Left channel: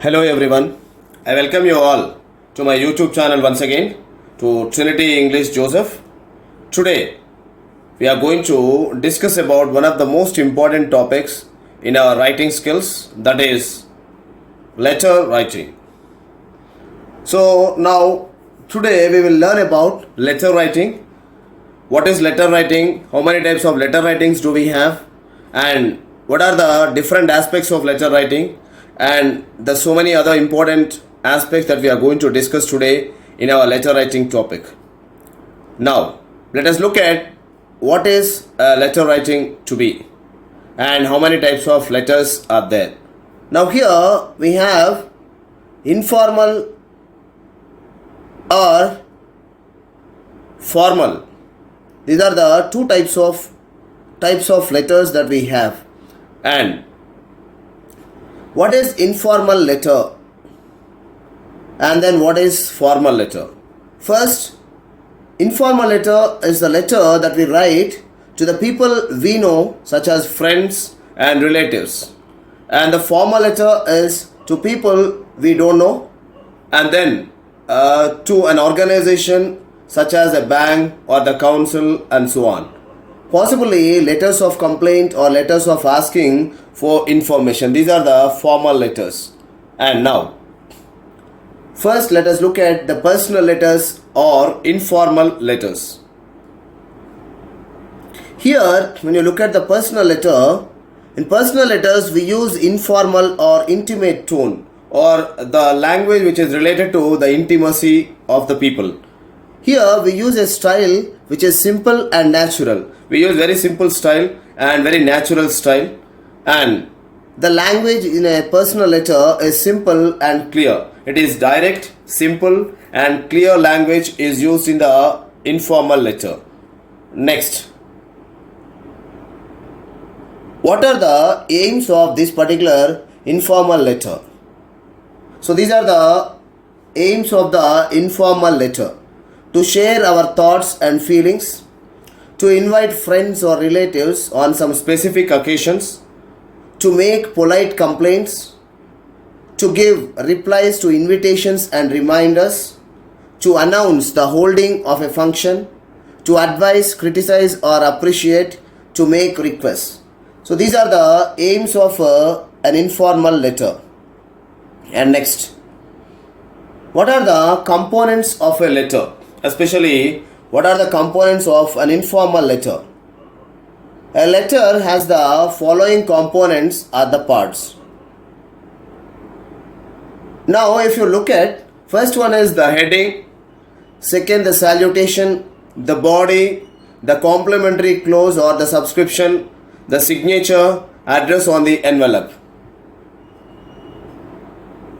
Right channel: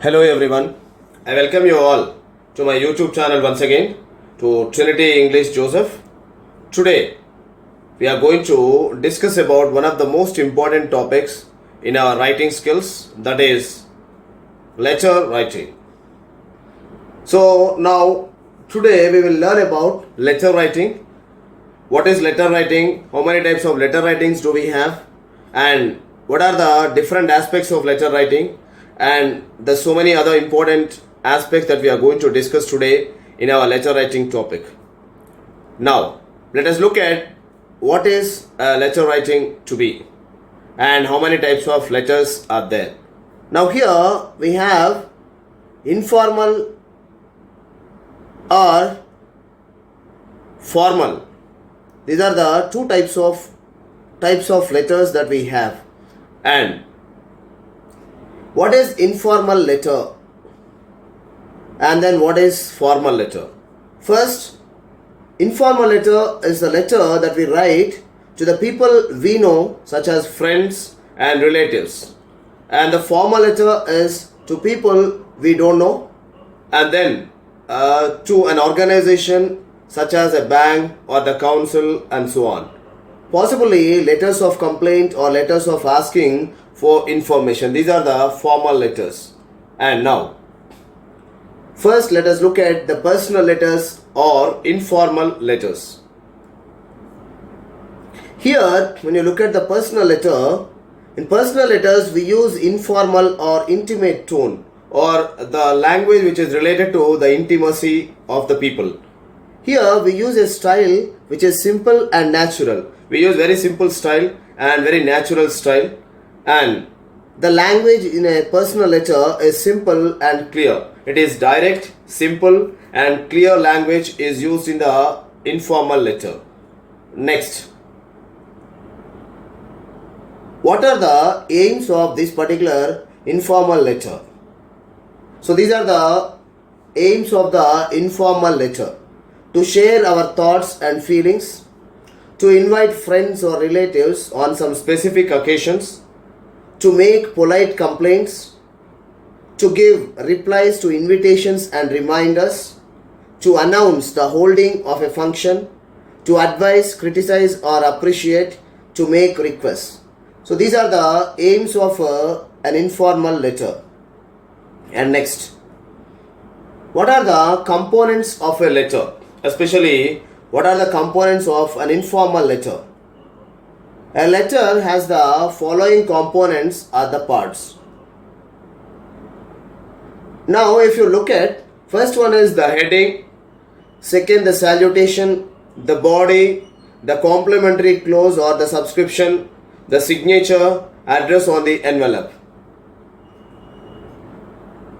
Hello everyone, I welcome you all to my YouTube channel once again to Trinity English Joseph. Today we are going to discuss about one of the most important topics in our writing skills, that is letter writing. So now today we will learn about letter writing. What is letter writing? How many types of letter writings do we have? And what are the different aspects of letter writing? And there's so many other important aspects that we are going to discuss today in our letter writing topic. Now, let us look at what is letter writing to be and how many types of letters are there. Now here we have informal or formal. These are the two types of letters that we have. And what is informal letter and then what is formal letter? First, informal letter is the letter that we write to the people we know, such as friends and relatives. And the formal letter is to people we don't know, and then to an organization such as a bank or the council and so on. Possibly letters of complaint or letters of asking for information. These are the formal letters. And now, first let us look at the personal letters or informal letters. Here, when you look at the personal letter, in personal letters we use informal or intimate tone, or the language which is related to the intimacy of the people. Here we use a style which is simple and natural. We use very simple style and very natural style. And the language in a personal letter is simple and clear. It is direct, simple and clear language is used in the informal letter. Next, what are the aims of this particular informal letter? So these are the aims of the informal letter: to share our thoughts and feelings, to invite friends or relatives on some specific occasions, to make polite complaints, to give replies to invitations and reminders, to announce the holding of a function, to advise, criticize or appreciate, to make requests. So these are the aims of an informal letter. And next, what are the components of a letter? Especially, what are the components of an informal letter? A letter has the following components are the parts. Now, if you look at, first one is the heading, second the salutation, the body, the complimentary clause or the subscription, the signature, address on the envelope.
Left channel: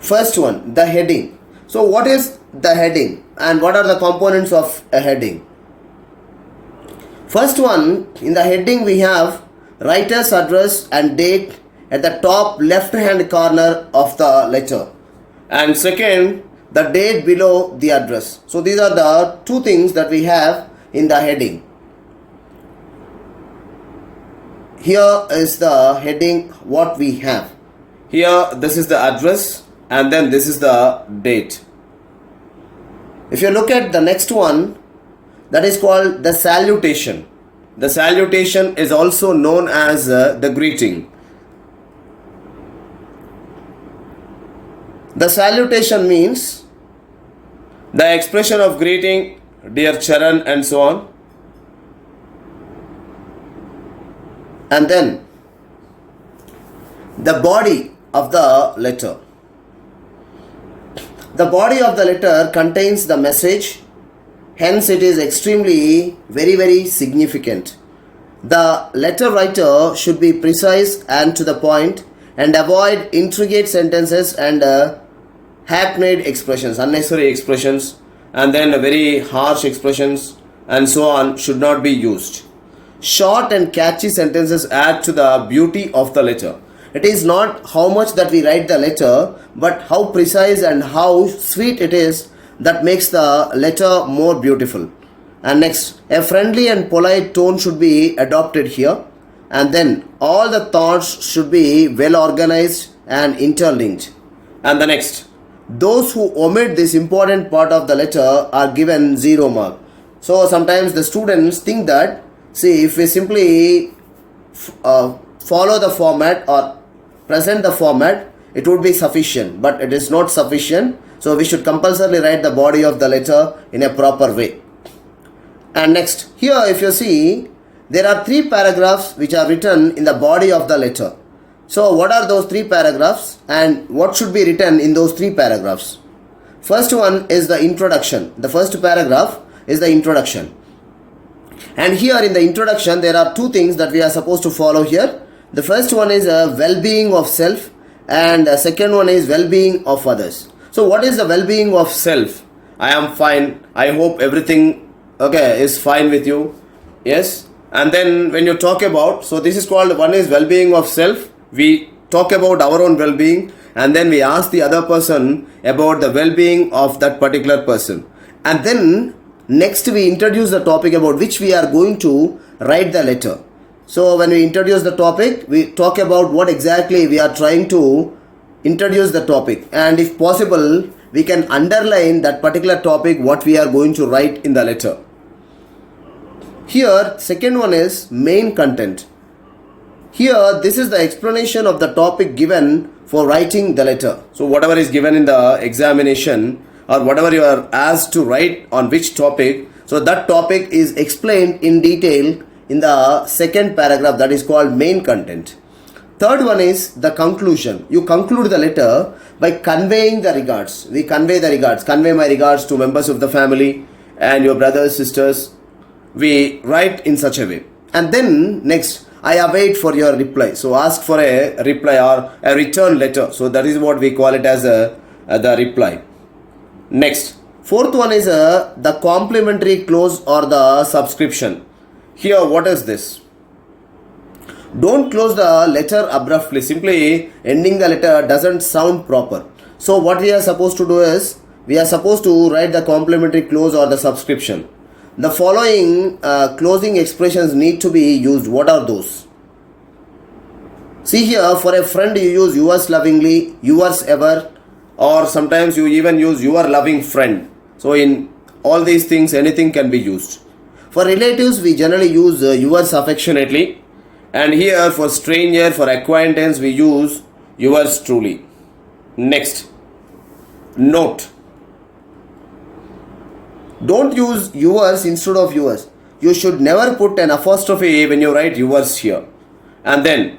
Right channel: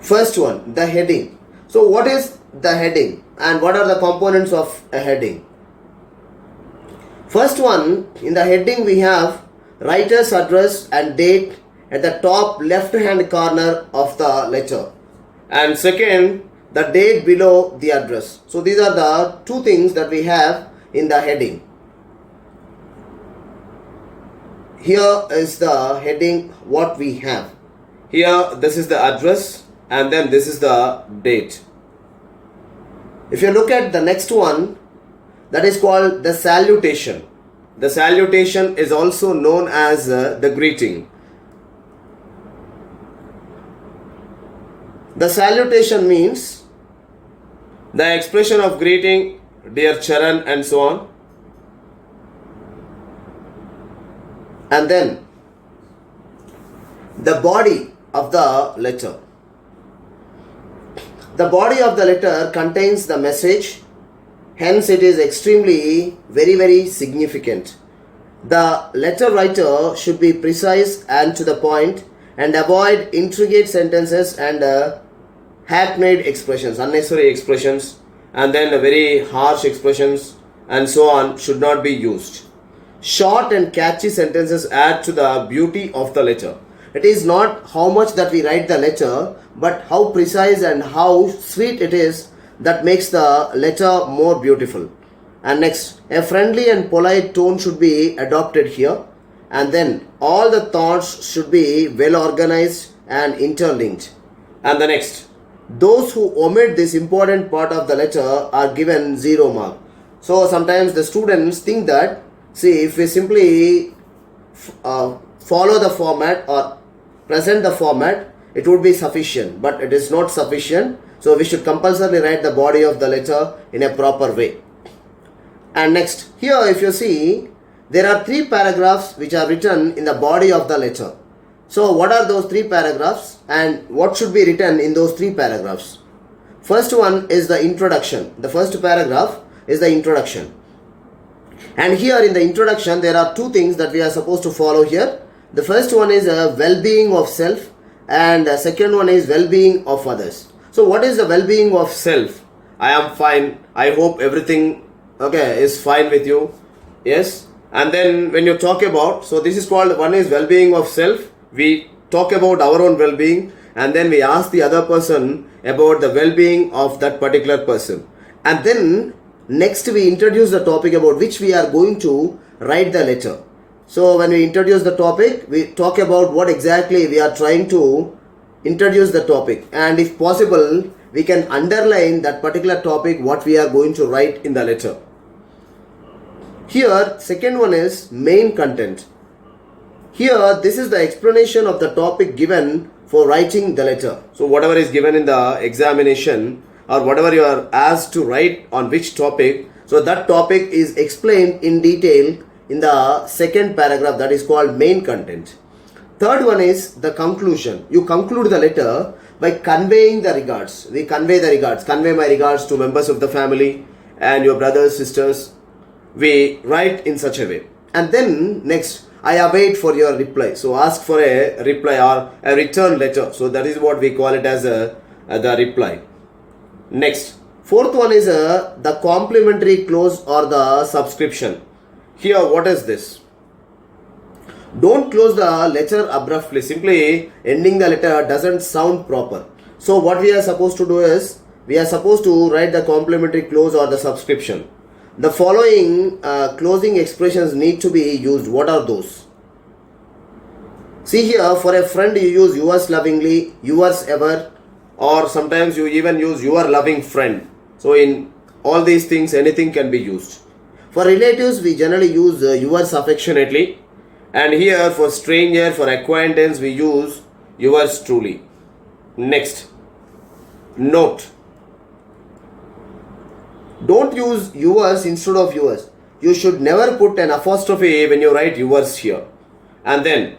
First one, the heading. So what is the heading and what are the components of a heading? First one, in the heading we have writer's address and date at the top left hand corner of the letter. And second, the date below the address. So these are the two things that we have in the heading. Here is the heading what we have. Here this is the address and then this is the date. If you look at the next one, that is called the salutation. The salutation is also known as the greeting. The salutation means the expression of greeting, dear Charan and so on. And then the body of the letter. The body of the letter contains the message. Hence, it is extremely very significant. The letter writer should be precise and to the point and avoid intricate sentences and hackneyed expressions, unnecessary expressions, and then very harsh expressions and so on should not be used. Short and catchy sentences add to the beauty of the letter. It is not how much that we write the letter, but how precise and how sweet it is that makes the letter more beautiful. And next, a friendly and polite tone should be adopted here. And then all the thoughts should be well organized and interlinked. And the next, those who omit this important part of the letter are given 0 mark. So sometimes the students think that, see, if we simply follow the format or present the format, it would be sufficient, but it is not sufficient. So we should compulsorily write the body of the letter in a proper way. And next, here if you see, there are 3 paragraphs which are written in the body of the letter. So what are those 3 paragraphs and what should be written in those 3 paragraphs? First one is the introduction. The first paragraph is the introduction. And here in the introduction, there are 2 things that we are supposed to follow here. The first one is a well-being of self, and the second one is well-being of others. So what is the well-being of self? I am fine. I hope everything is fine with you. Yes. And then when you talk about, so this is called, one is well-being of self. We talk about our own well-being, and then we ask the other person about the well-being of that particular person. And then next we introduce the topic about which we are going to write the letter. So when we introduce the topic, we talk about what exactly we are trying to introduce the topic, and if possible we can underline that particular topic what we are going to write in the letter. Here second one is main content. Here this is the explanation of the topic given for writing the letter. So whatever is given in the examination or whatever you are asked to write on which topic, so that topic is explained in detail in the second paragraph, that is called main content. Third one is the conclusion. You conclude the letter by conveying the regards. We convey the regards. Convey my regards to members of the family and your brothers, sisters. We write in such a way. And then next, I await for your reply. So ask for a reply or a return letter. So that is what we call it as the reply. Next, fourth one is the complimentary clause or the subscription. Here, what is this? Don't close the letter abruptly. Simply ending the letter doesn't sound proper. So what we are supposed to do is, we are supposed to write the complimentary clause or the subscription. The following closing expressions need to be used. What are those? See here, for a friend you use yours lovingly, yours ever, or sometimes you even use your loving friend. So in all these things, anything can be used. For relatives, we generally use yours affectionately. And here for stranger, for acquaintance, we use yours truly. Next, note. Don't use yours instead of yours. You should never put an apostrophe when you write yours here. And then,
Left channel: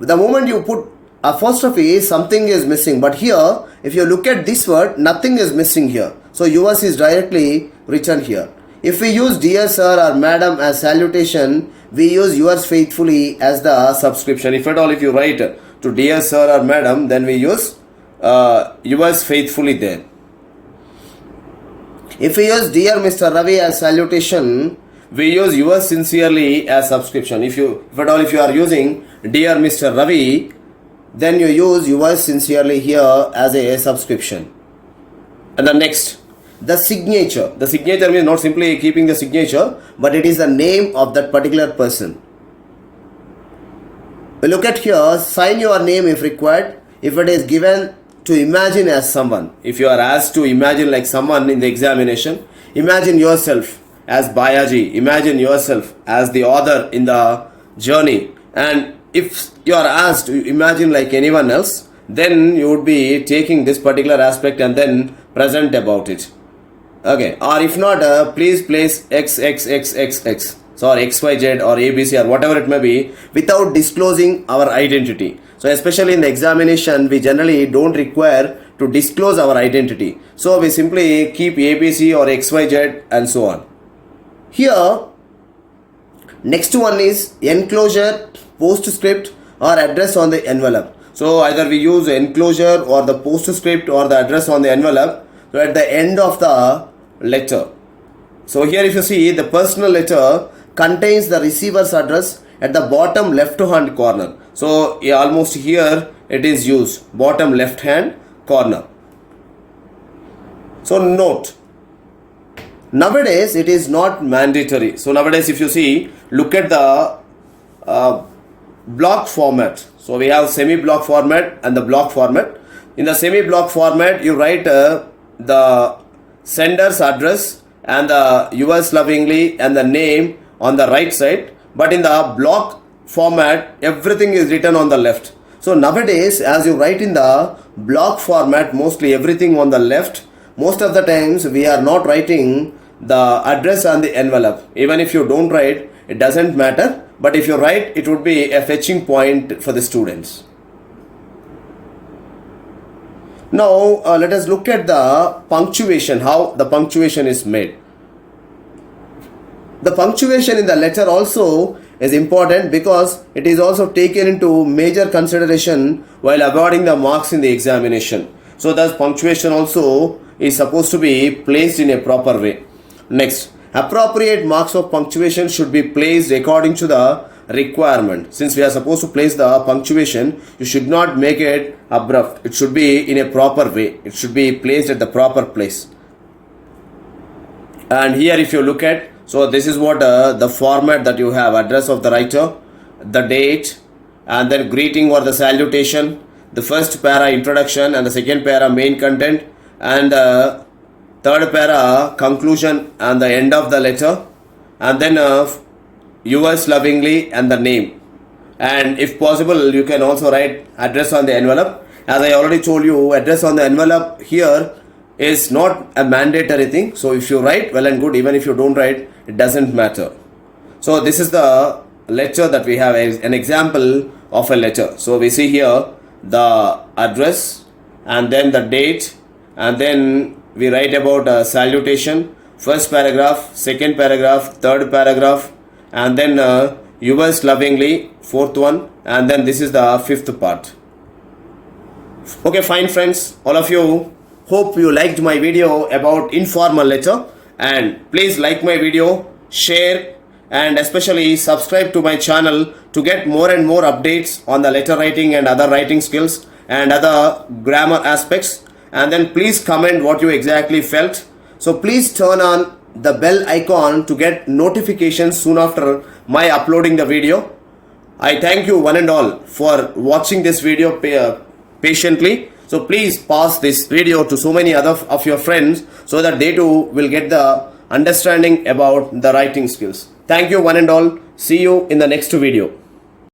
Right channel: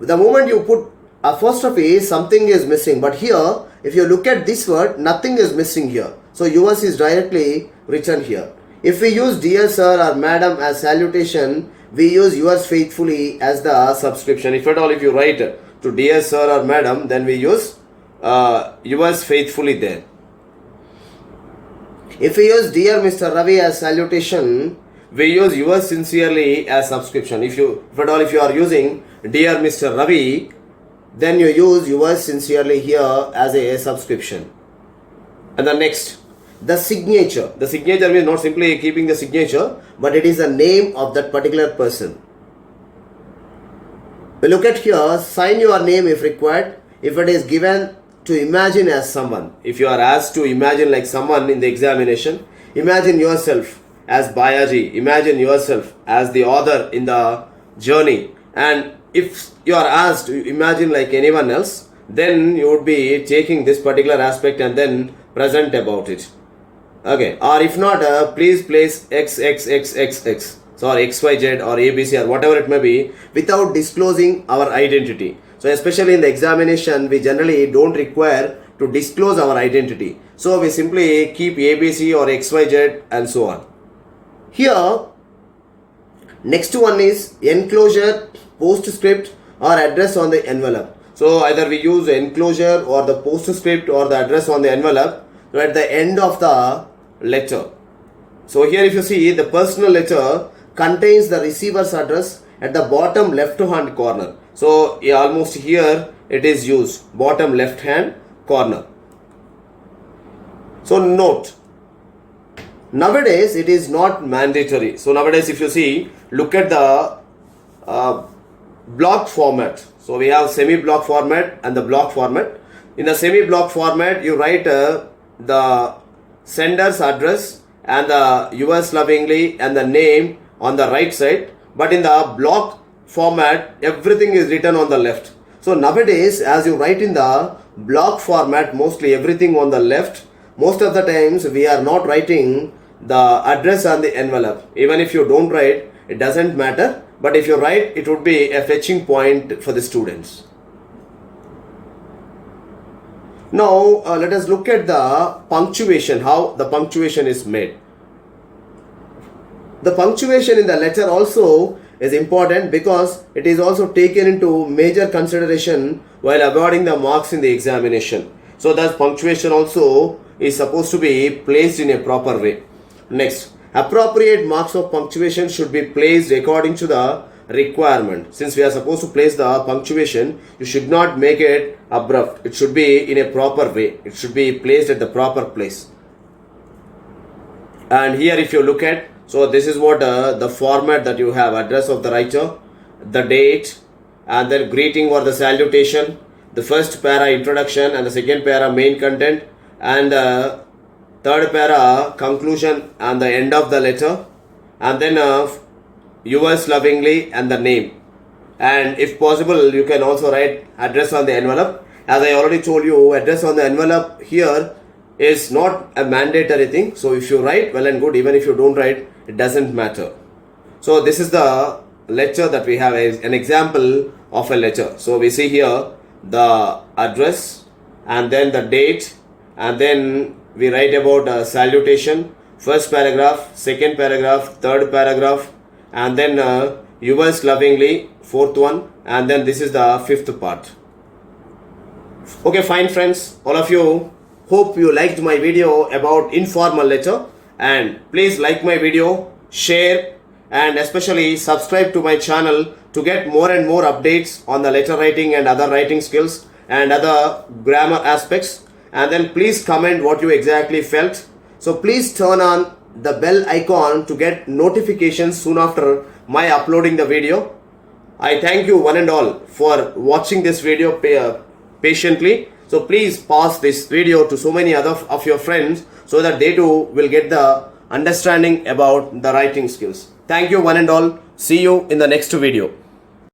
the moment you put apostrophe, something is missing. But here, if you look at this word, nothing is missing here. So yours is directly written here. If we use dear sir or madam as salutation, we use yours faithfully as the subscription. If at all, if you write to dear sir or madam, then we use yours faithfully there. If we use dear Mr. Ravi as salutation, we use yours sincerely as subscription. If at all, if you are using dear Mr. Ravi, then you use yours sincerely here as a subscription. And the next, the signature. The signature means not simply keeping the signature, but it is the name of that particular person. Look at here, sign your name if required. If it is given to imagine as someone, if you are asked to imagine like someone in the examination, imagine yourself as Bayaji, imagine yourself as the author in the journey. And if you are asked to imagine like anyone else, then you would be taking this particular aspect and then present about it. Okay, or if not, please place XXXXX, so or XYZ or ABC or whatever it may be, without disclosing our identity. So especially in the examination, we generally don't require to disclose our identity. So we simply keep ABC or XYZ and so on. Here, next one is enclosure, postscript or address on the envelope. So either we use enclosure or the postscript or the address on the envelope at the end of the letter. So here if you see, the personal letter contains the receiver's address at the bottom left hand corner. So almost here it is used, bottom left hand corner. So note, nowadays it is not mandatory. So nowadays if you see, look at the block format. So we have semi-block format and the block format. In the semi-block format, you write the sender's address and the yours lovingly and the name on the right side. But in the block format, everything is written on the left. So nowadays, as you write in the block format, mostly everything on the left, most of the times we are not writing the address on the envelope. Even if you don't write, it doesn't matter. But if you write, it would be a fetching point for the students. Now, let us look at the punctuation, how the punctuation is made. The punctuation in the letter also is important because it is also taken into major consideration while awarding the marks in the examination. So, thus punctuation also is supposed to be placed in a proper way. Next, appropriate marks of punctuation should be placed according to the requirement. Since we are supposed to place the punctuation, you should not make it abrupt. It should be in a proper way. It should be placed at the proper place. And here if you look at, so this is what the format that you have: address of the writer, the date, and then greeting or the salutation, the first para introduction and the second para main content, and third para conclusion and the end of the letter, and then yours lovingly and the name. And if possible, you can also write address on the envelope. As I already told you, address on the envelope here is not a mandatory thing. So if you write, well and good. Even if you don't write, it doesn't matter. So this is the letter that we have, an example of a letter. So we see here the address and then the date, and then we write about salutation, first paragraph, second paragraph, third paragraph, and then yours lovingly, fourth one, and then this is the fifth part. Okay, fine friends, all of you, hope you liked my video about informal letter, and please like my video, share, and especially subscribe to my channel to get more and more updates on the letter writing and other writing skills and other grammar aspects. And then please comment what you exactly felt. So please turn on the bell icon to get notifications soon after my uploading the video. I thank you one and all for watching this video patiently. So please pass this video to so many other of your friends so that they too will get the understanding about the writing skills. Thank you one and all. See you in the next video.